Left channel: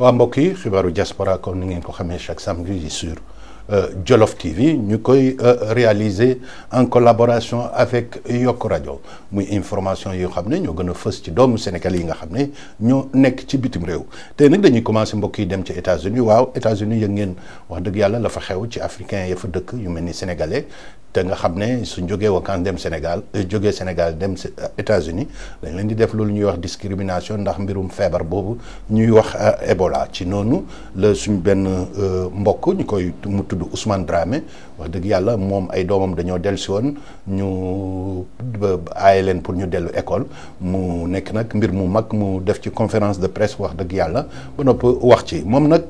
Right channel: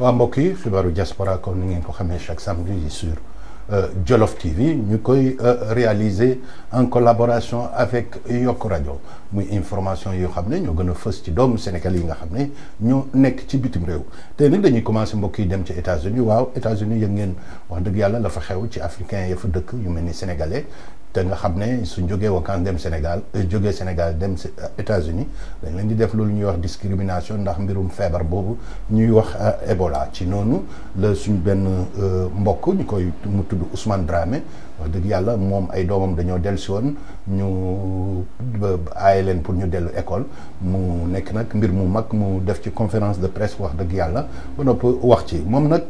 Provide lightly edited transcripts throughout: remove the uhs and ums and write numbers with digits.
waa mbokk yi xibaaru diaspora comme ni ngeen ko xamee chaque samedi sur Jolof TV ñu koy réaliser en collaboration avec Yok Radio muy information yoo xam ne ñoo gën a fës ci doomu Sénégal yi nga xam ne ñoo nekk ci bitim réew tey nag dañuy commencé mbokk yi dem ci États-Unis waaw États-Unis yëg ngeen wax dëgg yàlla la fa xew ci africain ya fa dëkk yu mel ni sénégalais te nga xam ne suñ jógee wakaan dem Sénégal jógee Sénégal dem États-Unis dañ leen di def loolu ñuy wax discrimination ndax mbirum feebar boobu ñuy wax Ebola ci noonu la suñ benn mbokk ñu koy mu tudd Ousmane Dramé wax dëgg yàlla moom ay doomam dañoo dellu si woon ñu aaye leen pour ñu dellu école mu nekk nag mbir mu mag mu def ci conférence de presse wax dëgg yàlla ba noppi wax ci moom nag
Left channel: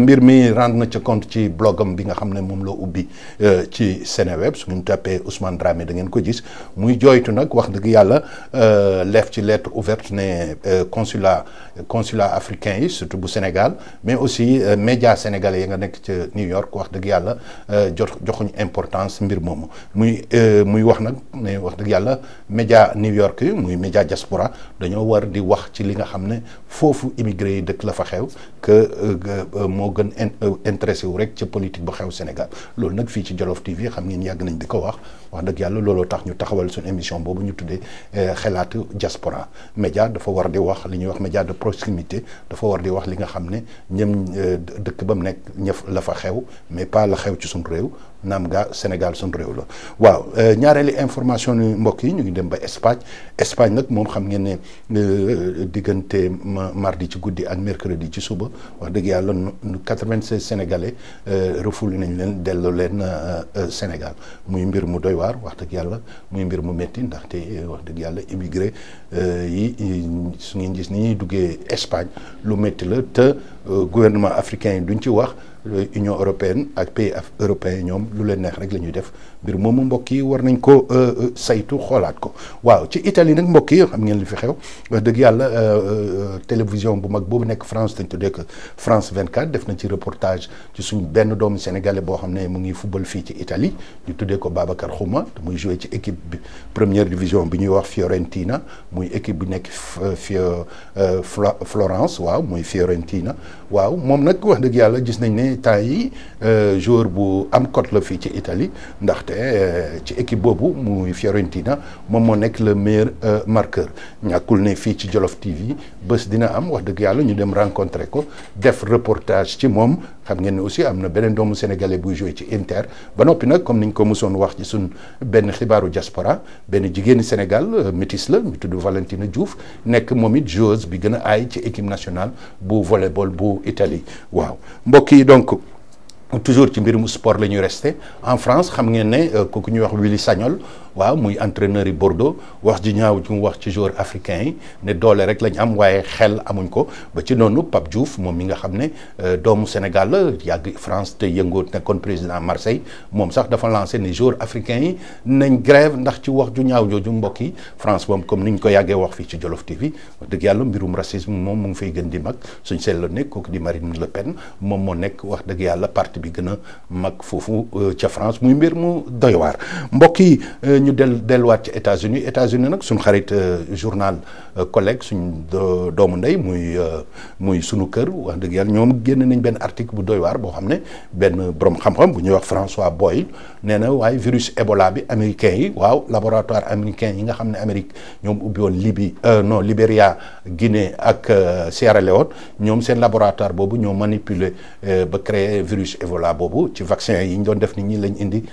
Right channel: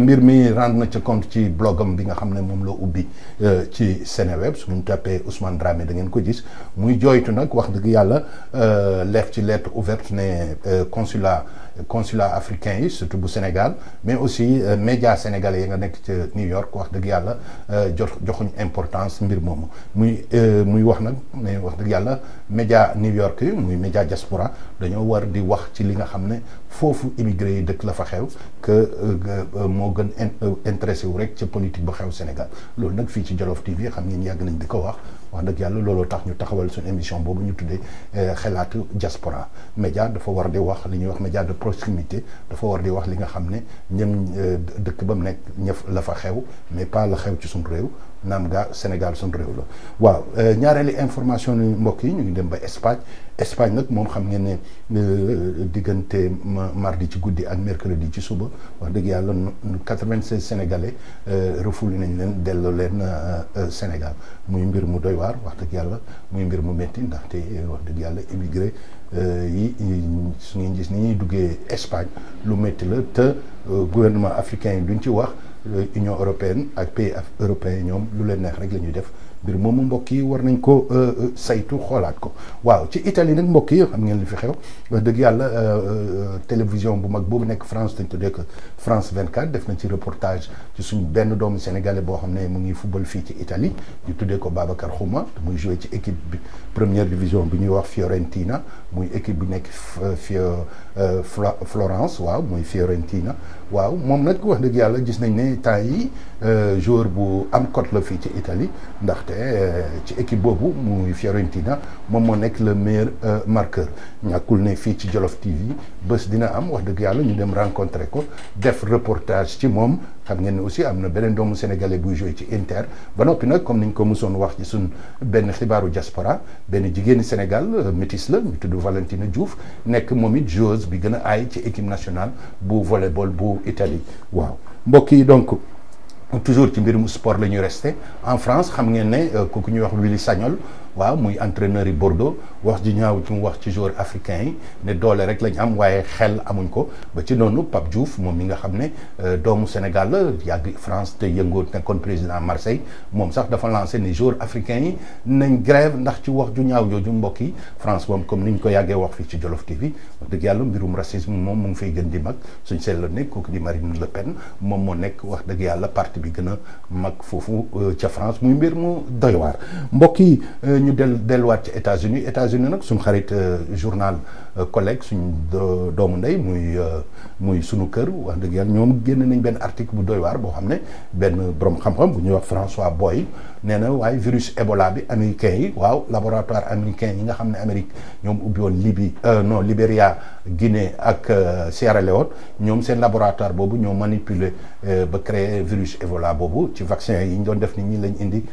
mbir mi rendre na ca compte ci blogam bi nga xam ne moom la ubbi ci Seneweb su ñu tapé Ousmane Dramé da ngeen ko gis muy jooytu nag wax dëgg yàlla leef ci lettre ouverte ne consulat africain yi surtout bu Sénégal mais aussi médias sénégalais yi nga nekk ca New York wax dëgg yàlla joxuñ importance mbir moomu muy wax nag ne wax dëgg yàlla média New York yi muy média diaspora dañoo war di wax ci li nga xam ne foofu immigré yi dëkk la fa xew que moo gën intéressé wu rek ca politique bu xew Sénégal loolu nag fii ci Jolof TV xam ngeen yàgg nañ di ko wax dëgg yàlla looloo tax ñu taxawal suñu émission boobu ñu tuddee xelaatu diaspora média dafa war di wax li ñuy wax média de proximité dafa war di wax li nga xam ne ñëm dëkk ba mu nekk ñëf la fa xew mais pas la xew ci suñu réew naam gaa Sénégal suñu réew la waaw ñaareeli information ni mbokk yi ñu ngi dem ba Espagne nag moom xam ngeen ne diggante mardi ci guddi ak mercredi ci suba wax dëgg yàlla 96 sénégalais refoulé nañ leen delloo leen Sénégal muy mbir mu doy waar wax dëgg yàlla muy mbir mu métti ndaxte wax dëgg yàlla immigré yi su ngeen gis ni ñuy duggee Espagne lu métti la te gouvernement africain yi duñ ci wax Union européenne ak pays européens ñoom lu leen neex rek la ñuy def mbir moomu mbokk yi war nañ ko saytu xoolaat ko waaw ci Italie nag mbokk yi xam ngeen li fi xew wax dëgg yàlla télévision bu mag boobu nekk France dañ tuddee que France 24 def na ci reportage ci suñ benn doomu sénégalais boo xam ne mu ngi football fii ci Italie ñu tuddee ko Babacar Xuma te muy joué ci équipe bi première division bi ñuy wax Fiorentina muy équipe bu nekk Florence waaw muy Fiorentina waaw moom nag wax dëgg yàlla gis nañ ne temps yi joueur bu am cote la fii ci Italie ndaxte ci équipe boobu muy Fiorentina moom moo nekk le meilleur marqueur ñàkkul ne fii ci Jolof TV bés dina am wax dëgg yàlla ñu dem rencontrer ko def reportage ci moom xam ngeen ne aussi am na beneen doomu sénégalais buy joué ci Inter ba noppi nag comme niñ ko mosoon wax ci suñ benn xibaaru diaspora benn jigéeni Sénégal métis la ñu tudd Valentina Diouf nekk moom it joueuse bi gën a aay ci équipe nationale bu volleyball bu Italie waaw mbokk yi donc toujours ci mbirum sport la ñuy resté en France xam ngeen ne kooku ñuy wax Willy Sagnol waaw muy entraîneur yi Bordeaux wax ji ñaaw ci mu wax ci joueur africain yi ne doole rek lañ am waaye xel amuñ ko ba ci noonu Pape Diouf moom mi nga xam ne doomu Sénégal la yàgg France te yëngoo nekkoon président Marseille moom sax dafa lancé ne joueur africain yi nañ grève ndax ci wax ju ñaaw jooju mbokk yi France moom comme niñ ko yàggee wax fii ci Jolof TV wax dëgg yàlla mbirum racisme moom mu ngi fay gën di mag suñ seet la nekk kooku di Marine Le Pen moom moo nekk wax dëgg yàlla parti bi gën a mag foofu ca France muy mbir mu doy waar mbokk yi ñu delluwaat ci États-Unis nag suñ xarit journal collègue suñ doomu ndey muy sunu kër wax dëgg yàlla ñoom génn nañ benn article bu doy waar boo xam ne benn borom xam-xam bu ñuy wax François Boyle nee na waaye virus Ebola bi américain yi waaw laboratoire américain yi nga xam ne Amérique ñoom ubbi woon Libéria Guinée ak Sierra Leone ñoom seen laboratoire boobu ñoo manipuler ba créer virus Ebola boobu ci vaccin yi ñu doon def nit ñi lañ indi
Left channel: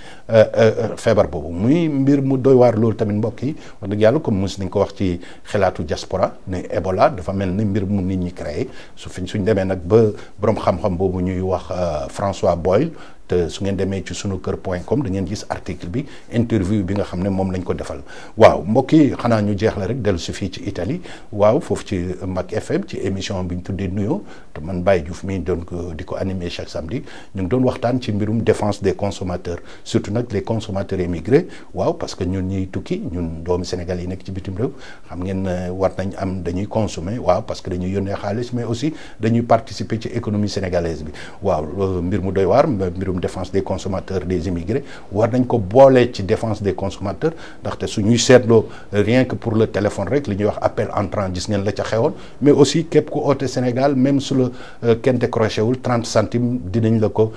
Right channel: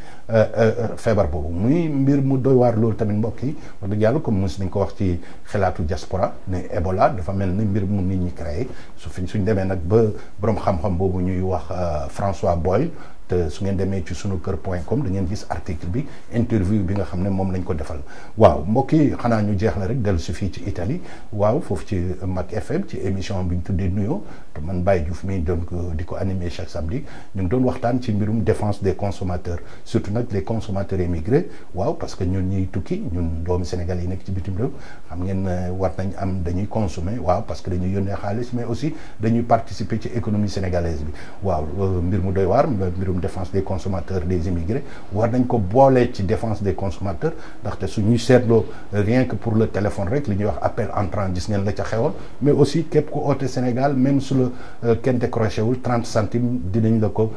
feebar boobu muy mbir mu doy waar loolu tamit mbokk yi wax dëgg yàlla comme mos nañ ko wax ci xelaatu diaspora ne Ebola dafa mel ni mbir mu nit ñi créé suñ demee nag ba borom xam-xam boobu ñuy wax François Boyle te su ngeen demee ci sunukër.com da ngeen gis article bi interview bi nga xam ne moom lañ ko defal waaw mbokk yi xanaa ñu jeex la rek dellu si fii ci Italie waaw foofu ci Mak FM ci émission bi ñu tuddee nuyoo te man Baye Diouf mi doon ko di ko animer chaque samedi ñu ngi doon waxtaan ci mbirum défense des consommateurs surtout nag les consommateurs émigrés waaw parce que ñun ñuy tukki ñun doomi Sénégal yi nekk ci bitim réew xam ngeen war nañ am dañuy consommer waaw parce que dañuy yónnee xaalis mais aussi dañuy participer ci économie sénégalaise bi waaw mbir mu doy waar mbirum wàllum défense des consommateurs des immigrés war nañ ko boolee ci défense des consommateurs ndaxte su ñuy seetloo rien que pour le téléphone rek li ñuy wax appel entrant gis ngeen la ca xewoon mais aussi képp ku oote Sénégal même su la kenn décroché wul 30 centimes dinañ la ko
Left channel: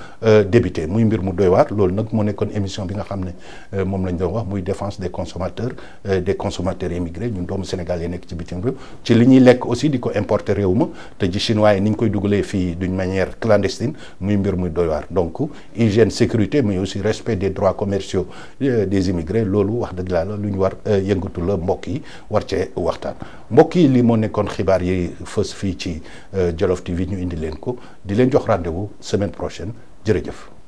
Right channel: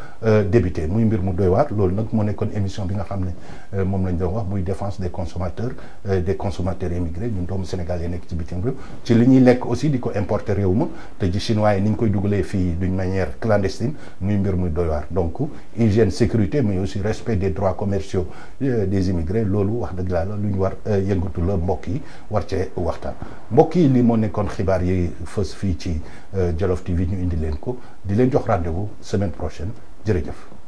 débité muy mbir mu doy waar loolu nag moo nekkoon émission bi nga xam ne moom lañ doon wax muy défense des consommateurs immigrés ñun doomu Sénégal yi nekk ci bitim réew ci li ñuy lekk aussi di ko importer réew ma te ji chinois yi ni ñu koy dugalee fii d'une manière clandestine muy mbir muy doy waar donc hygiène sécurité mais aussi respect des droits commerciaux des immigrés loolu wax dëgg la lu ñu war yëngatu la mbokk yi war cee waxtaan mbokk yi lii moo nekkoon xibaar yi fës fii ci Jolof TV ñu indi leen ko di leen jox rendez-vous semaine prochaine jërëjëf